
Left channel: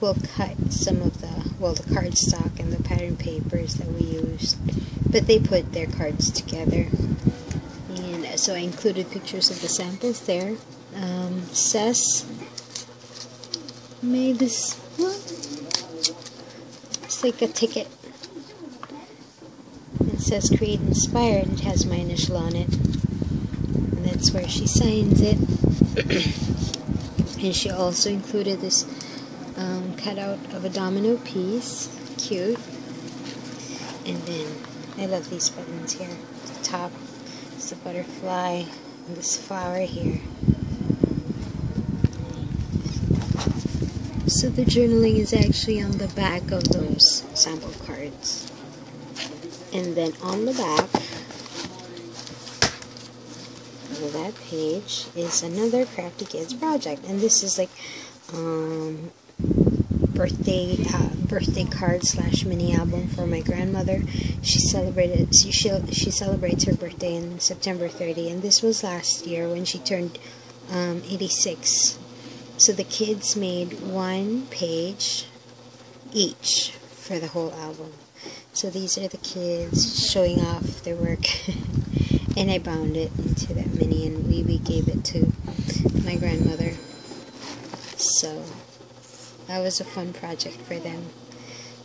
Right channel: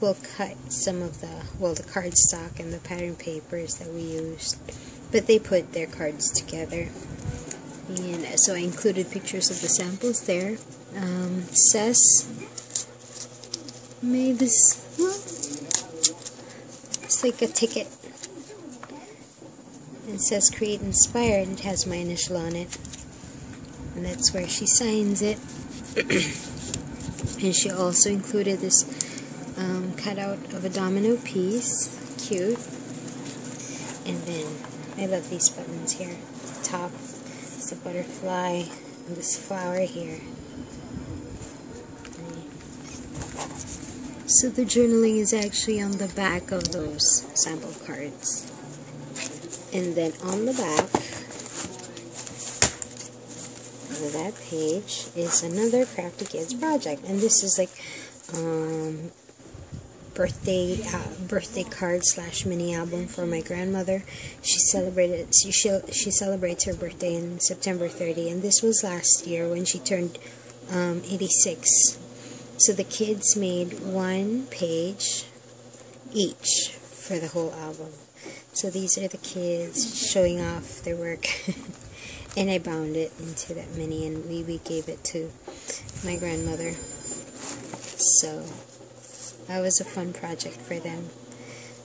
will cut some of the cardstock and the pattern papers that we used, but they put their cards together, and so I included pictures of the samples there. Cess made this, well, it's like a ticket. It says Create Inspired. It has my initial on it, and that's where she signs it. And she also included this cutout of a domino piece. Cute. And then I love these buttons here. The top is the butterfly, and this flower here. So the journaling is actually on the back of those sample cards. And then on the back of that page is another Crafty Kids project, and this is like birthday card / mini album for my grandmother. She celebrates her birthday on September 30, and this was last year when she turned 86. So the kids made 1 page each for the whole album. So these are the kids showing off their work. And I bound it into that mini, and we gave it to my grandmother. So that was a fun project for them.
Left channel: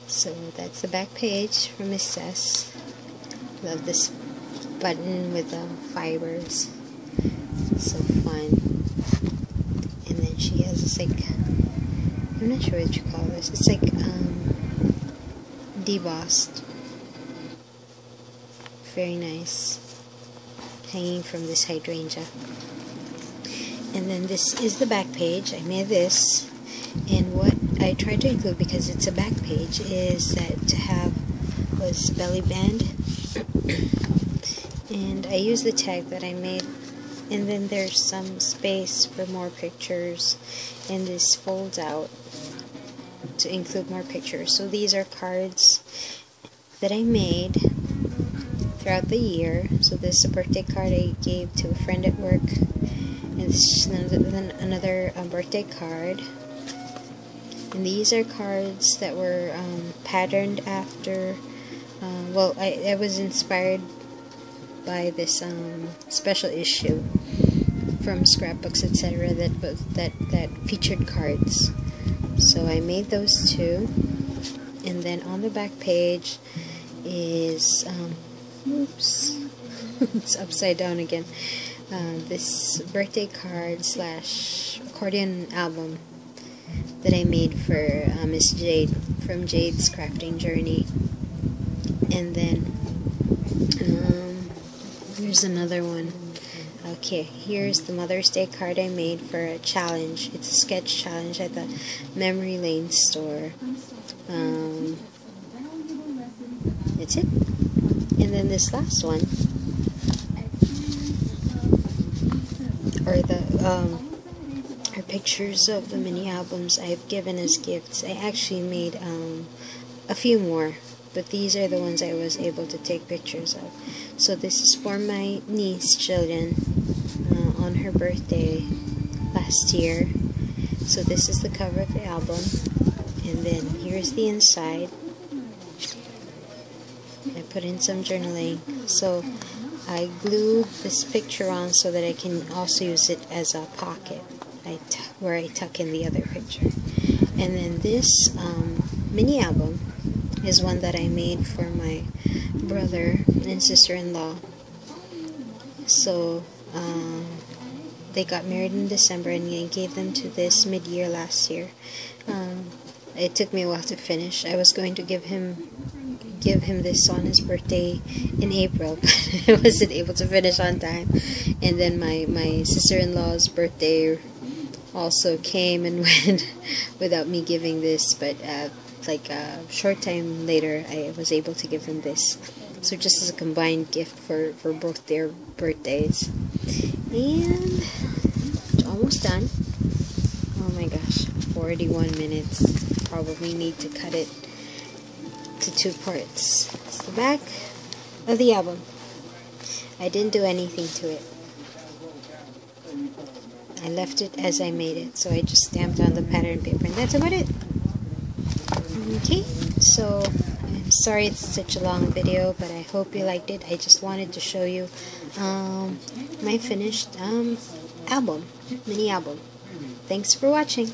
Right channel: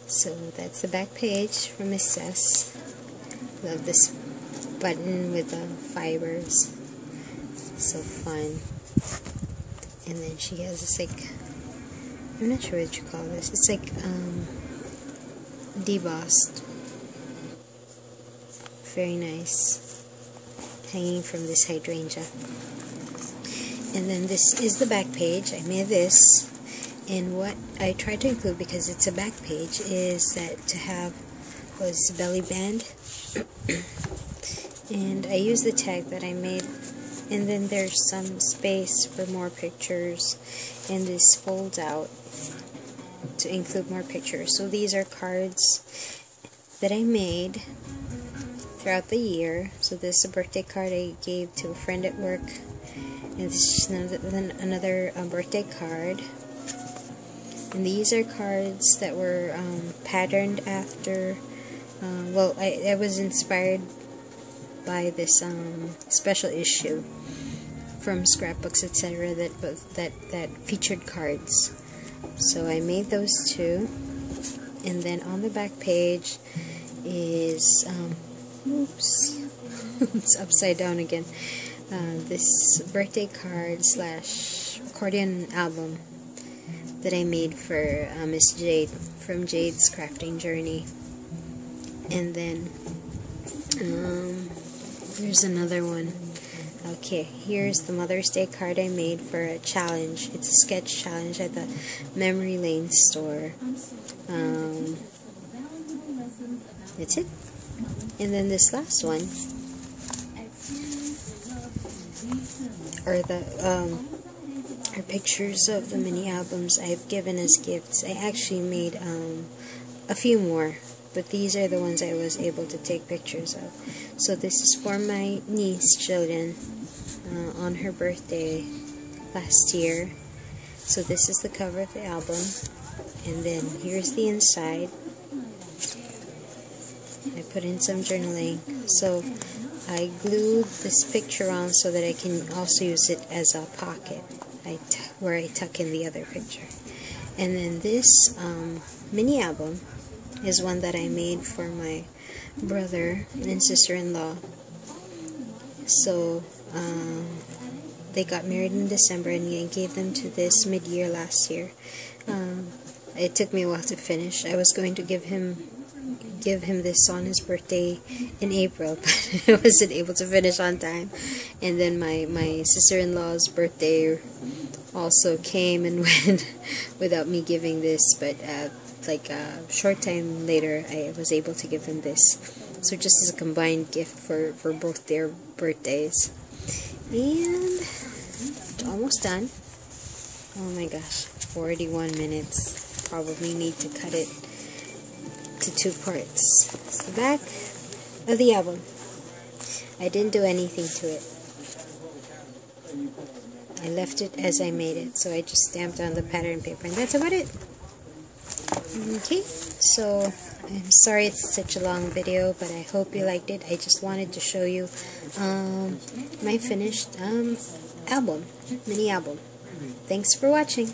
So that's the back page from Miss Cess. Love this button with the fibers. So fun. And then she has this like, I'm not sure what you call this. It's like debossed. Very nice. Hanging from this hydrangea. And then this is the back page. I made this, and what I tried to include, because it's a back page, is that to have was belly band. And I used the tag that I made, and then there's some space for more pictures, and this folds out to include more pictures. So these are cards that I made throughout the year. So this is a birthday card I gave to a friend at work, and this is another birthday card. And these are cards that were patterned after, well, I was inspired by this special issue from Scrapbooks, etc. that featured cards. So I made those two, and then on the back page is Oops. It's upside down again. This birthday card slash accordion album that I made for Miss Jade from Jade's Crafting Journey. And then there's another one. Okay, here's the Mother's Day card I made for a challenge. It's a sketch challenge at the Memory Lane store. That's it. And then this last one are pictures of the mini albums I've given as gifts. I actually made a few more, but these are the ones I was able to take pictures of. So this is for my niece Jillian on her birthday last year. So this is the cover of the album, and then here's the inside. I put in some journaling, so I glued this picture on so that I can also use it as a pocket where I tuck in the other picture. And then this mini album is one that I made for my brother and sister-in-law. So they got married in December, and I gave them to this mid-year last year. It took me a while to finish. I was going to give him this on his birthday in April, but I wasn't able to finish on time. And then my sister-in-law's birthday also came and went without me giving this, but like a short time later I was able to give them this. So just as a combined gift for both their birthdays. And it's almost done. Oh my gosh, 41 minutes. Probably need to cut it to 2 parts. It's the back of the album. I didn't do anything to it. I left it as I made it, so I just stamped on the pattern paper, and that's about it. Okay, so I'm sorry it's such a long video, but I hope you liked it. I just wanted to show you my finished album, mini album. Thanks for watching.